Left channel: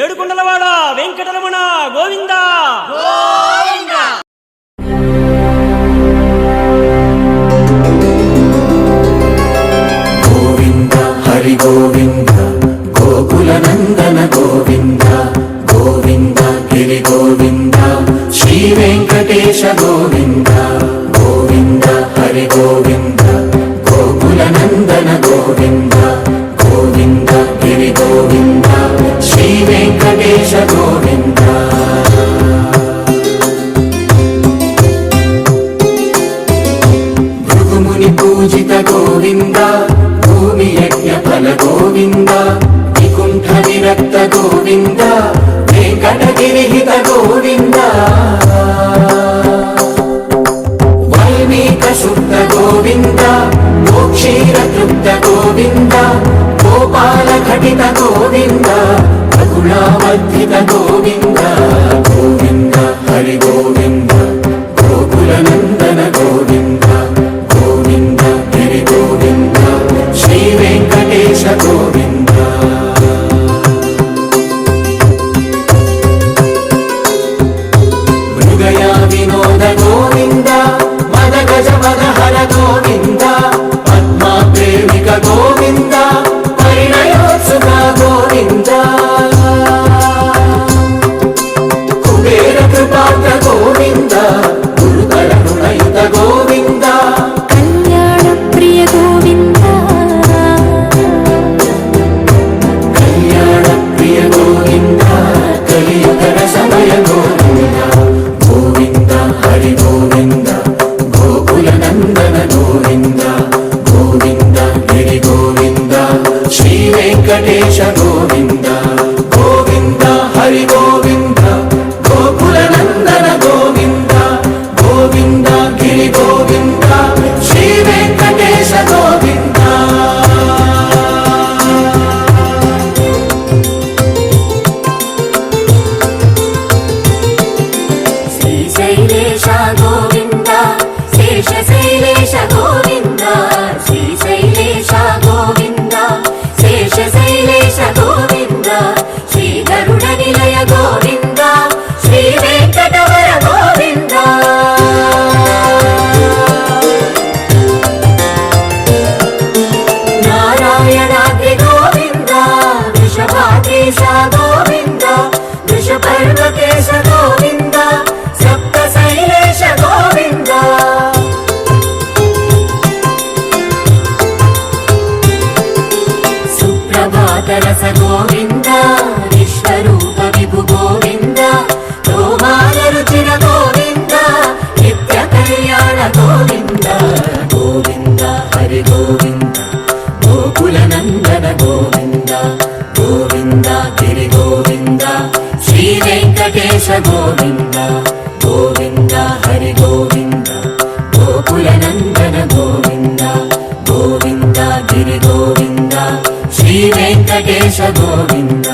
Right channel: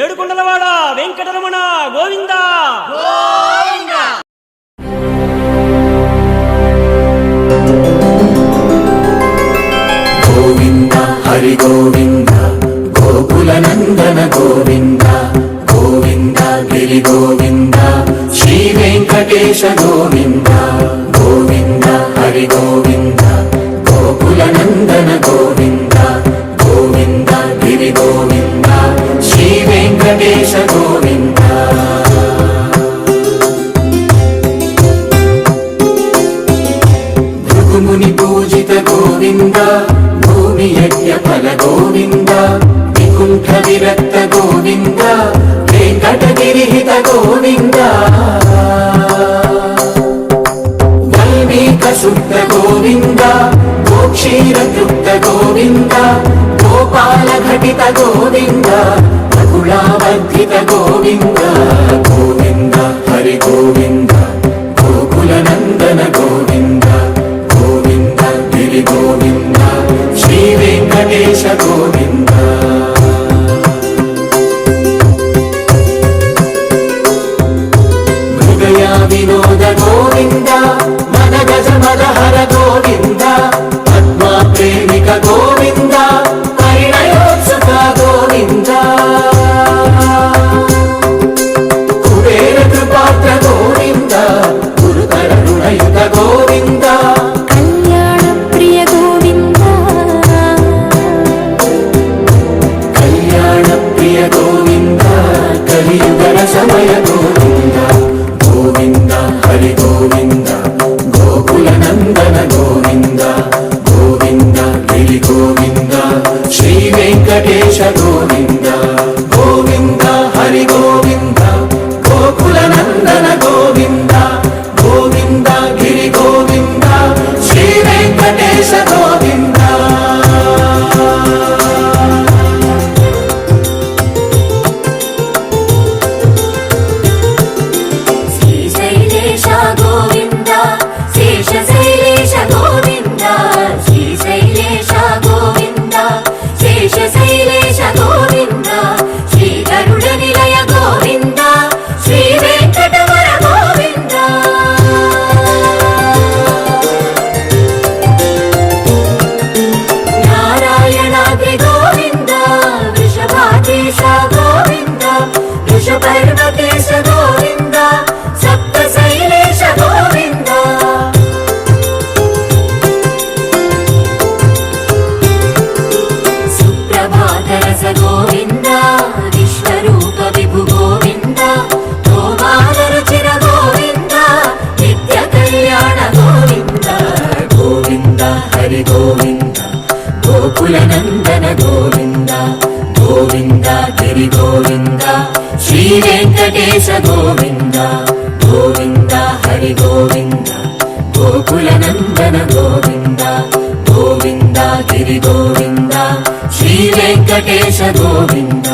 ఏడుకొండలవాడ వెంకటరమణ గోవింద గోవింద హరి గోవింద గోకుల నందన గోవింద గోవింద గిరి గోవింద శ్రీ వెంకటేశ గోవింద గోవింద హరి గోవింద గోకుల నందన గోవింద గోవింద గిరి గోవింద శ్రీ వెంకటేశ గోవింద భృగుముని పూజిత గోవింద భూమి యజ్ఞ ఫల గోవింద వికుంఠ విరక్త గోవింద వెంకటగిరిహిత గోవింద వల్మీక శుద్ధ గోవింద గోక్షీర తృప్త గోవింద గోపాల ఘటిత గోవింద బహుళావర్ధిత గోవింద గోవింద హరి గోవింద గోకుల నందన గోవింద గోవింద గిరి గోవింద శ్రీ వెంకటేశ గోవింద మృగయ వినోద గోవింద మద గజ మదహర గోవింద పద్మా ప్రేమిక గోవింద పరిణయోత్సుక గోవింద కుబేర కృపాత్ర గోవింద గురుతర గుణయుత గోవింద కళ్యాణ ప్రియ గోవింద కళ్యాణ ప్రియ గోవింద కలియుగ సమయ గోవింద గోవింద హరి గోవింద గోకుల నందన గోవింద గోవింద గిరి గోవింద శ్రీ వెంకటేశ గోవింద గోవింద హరి గోవింద గోకుల నందన గోవింద గోవింద గిరి గోవింద శ్రీ వెంకటేశ గోవింద శ్రీశైలేశ గోవింద శేషశైలేశ గోవింద శ్రీశైలేశ గోవింద శేషశైలేశ గోవింద శ్రీ గరుడ నిలయ గోవింద శ్రీ వెంకటవర గోవింద నారాయణాద్రి గోవింద వృషభాద్రీశ గోవింద వృషపర్వకేశ గోవింద సప్త శైలేశ గోవింద సుప్రభాతరస గోవింద విశ్వరూప విభు గోవింద గోమానరుచిన గోవింద నిత్య కళ్యాణ గోవింద గోవింద హరి గోవింద గోకుల నందన గోవింద గోవింద గిరి గోవింద శ్రీ వెంకటేశ గోవింద గోవింద హరి గోవింద గోకుల నందన గోవింద గోవింద గిరి గోవింద శ్రీ వెంకటేశ గోవింద